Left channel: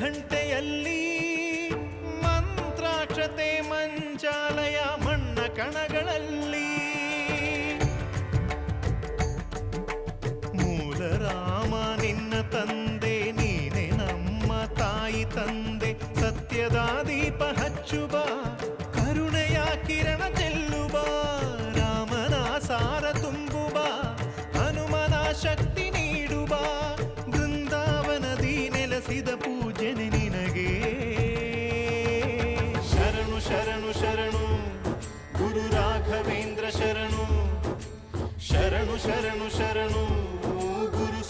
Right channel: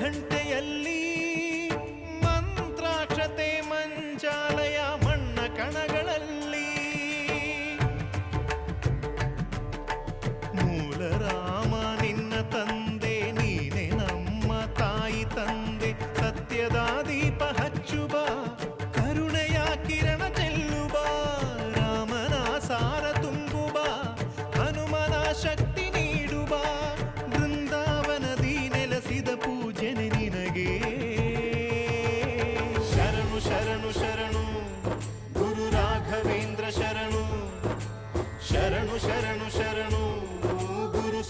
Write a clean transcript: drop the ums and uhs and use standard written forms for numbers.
ಘಂಟೆಯಲ್ಲಿ ಮಂತ್ರಾಕ್ಷತೆ ಮಂಚಾಲಯ ಮಣ್ಣ ಕಣಗಳಲ್ಲಿ ಮೂಲ ರಾಮ ನಿನ್ನ ತಂದೆ ನೀನೆ ನಮ್ಮ ತಾಯಿ ತಂದೆ ಸತ್ಯದ ದೀಪ ಹಚ್ಚುವ ಕರುಣೆಯ ಕಿರಣ ಚೆಲ್ಲುವ ರಾಮನ ಸಾರ ತುಂಬುವ ಹನುಮನ ಶಕ್ತಿ ನೀಡುವ ಬೃಂದಾವನದಿ ನೆಲೆಸಿದ ಪೂಜನೆ ನಿನಗೆ ಶರಣು ಶರಣು ಶರಣು ಗುರು ರಾಘವೇಂದ್ರ ಶರಣು ಶರಣು ಶರಣು ಶರಣು ಗುರು